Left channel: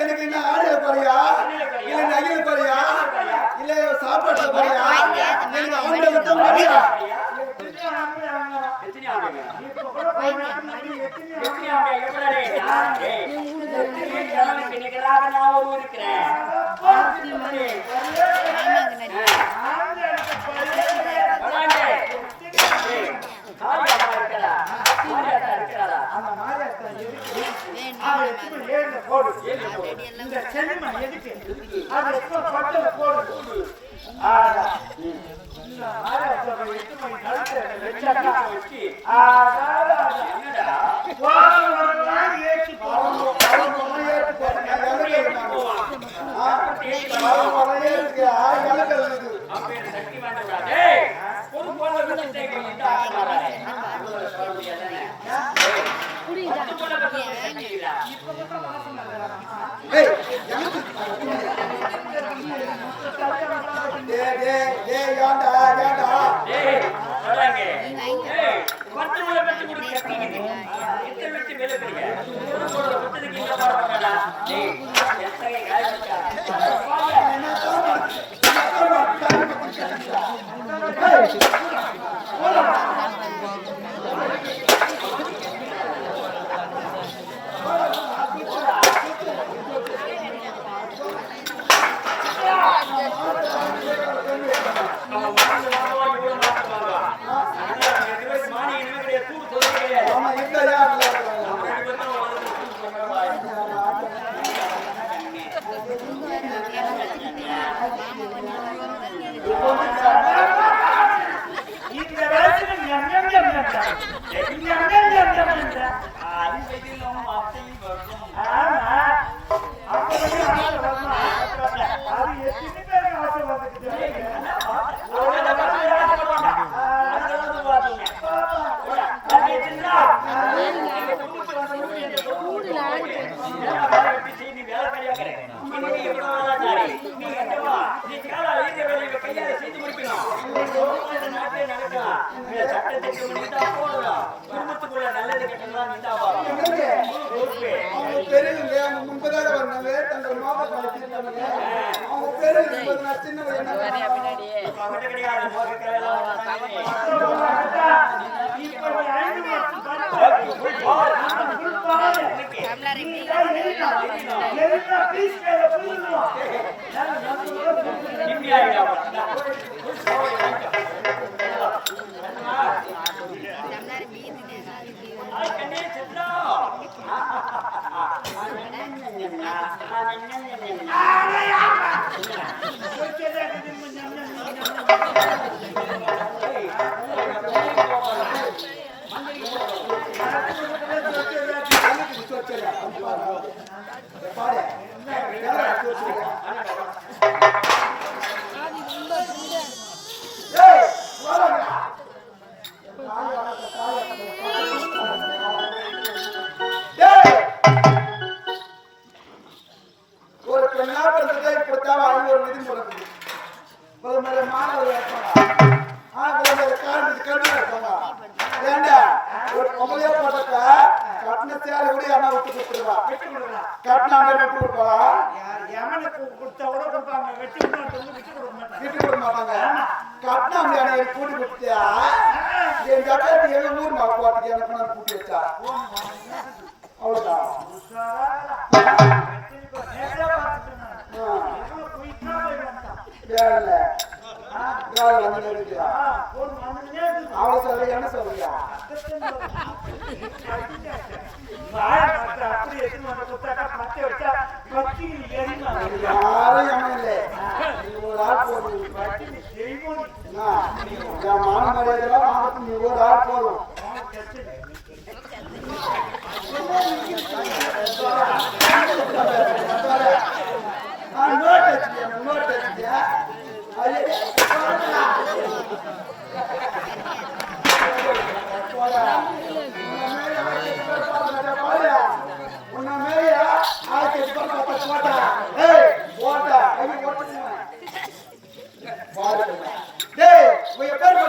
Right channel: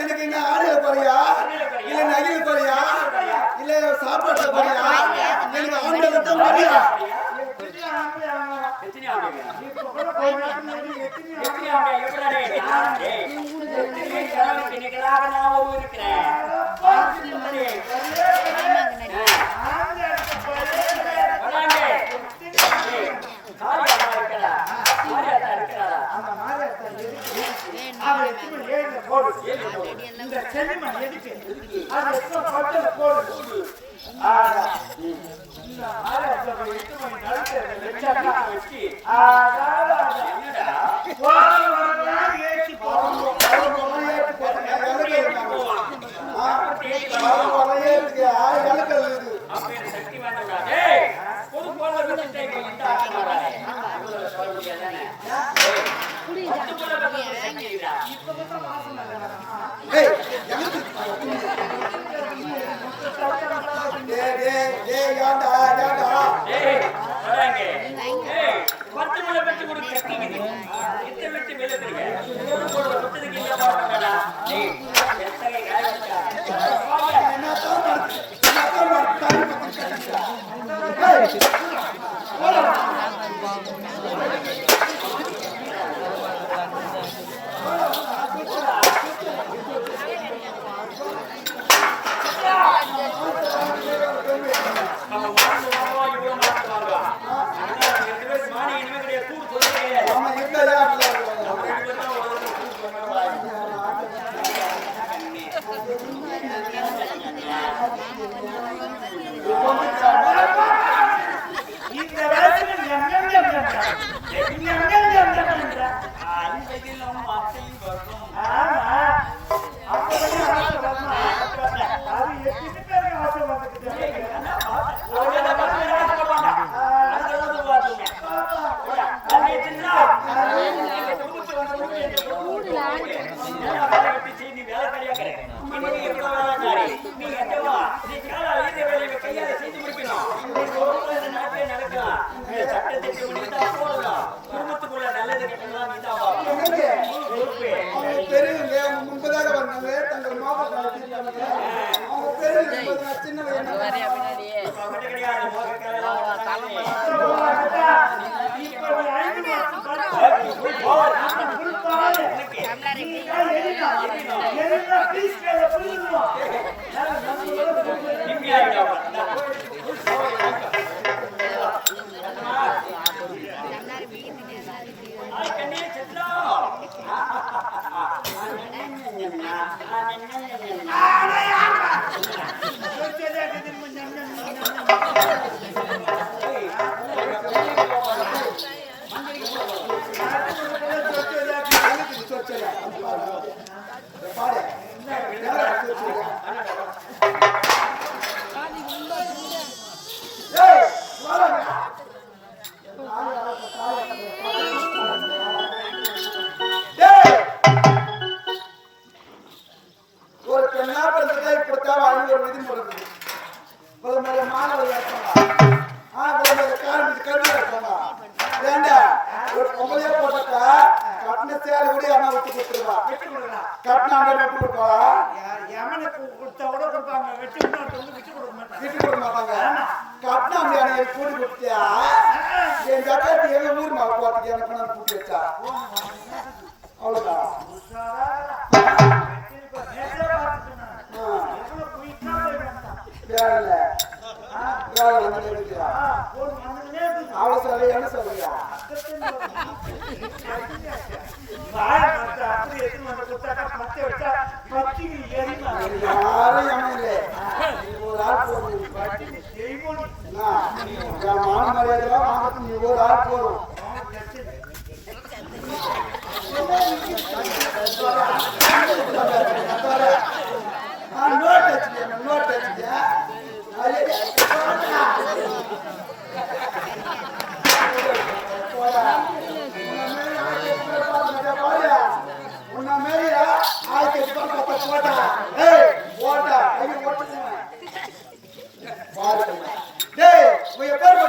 எனக்கு என்ன ஆடிய குறையா இல்ல நகையில் குறையா இல்ல சாப்பாட்டு குறையா எனக்கு ஆம்பளை இந்த செல்மா எதுக்கு அது பட்டல போடு இந்த ஆரம்ப 8 மணி நடக்குறத வெச்சி என்னடா ஏச்சி போறோம் சக்தி வாய்ந்தவடா டேய் ஒரு போல விட்டுட்டே இந்த ஆட்சி மாறானே சொல்ல முடியாதானே குடி அந்த போல சக்தி இல்ல இப்ப மட்டும் வாசம் இல்ல டேய் வராங்க பத்து முள்ள பத்து கூட கட்டிக்குது இத்த விட்டு மேல போறீங்க ஒரு போல விட்டதுக்கு இந்த பாட பண்ணடா டேய் எத்தனை காயப்பட்டா குடும்பத்துக்குள்ள நல்லது கெட்டதெல்லாம் பெரியவங்க அவங்க முன்பதாக வந்தாங்க தங்கள் மாதம் அவங்க பெரியவங்க சின்னவங்க என்ன கிடையாது அவளை சொல்ல என்ன சொல்றியா யாரும் இல்லை ஒரு ஆள் போதும் நீ ஒரு ஆள் போதும் நோட் கொஞ்சம் பேர்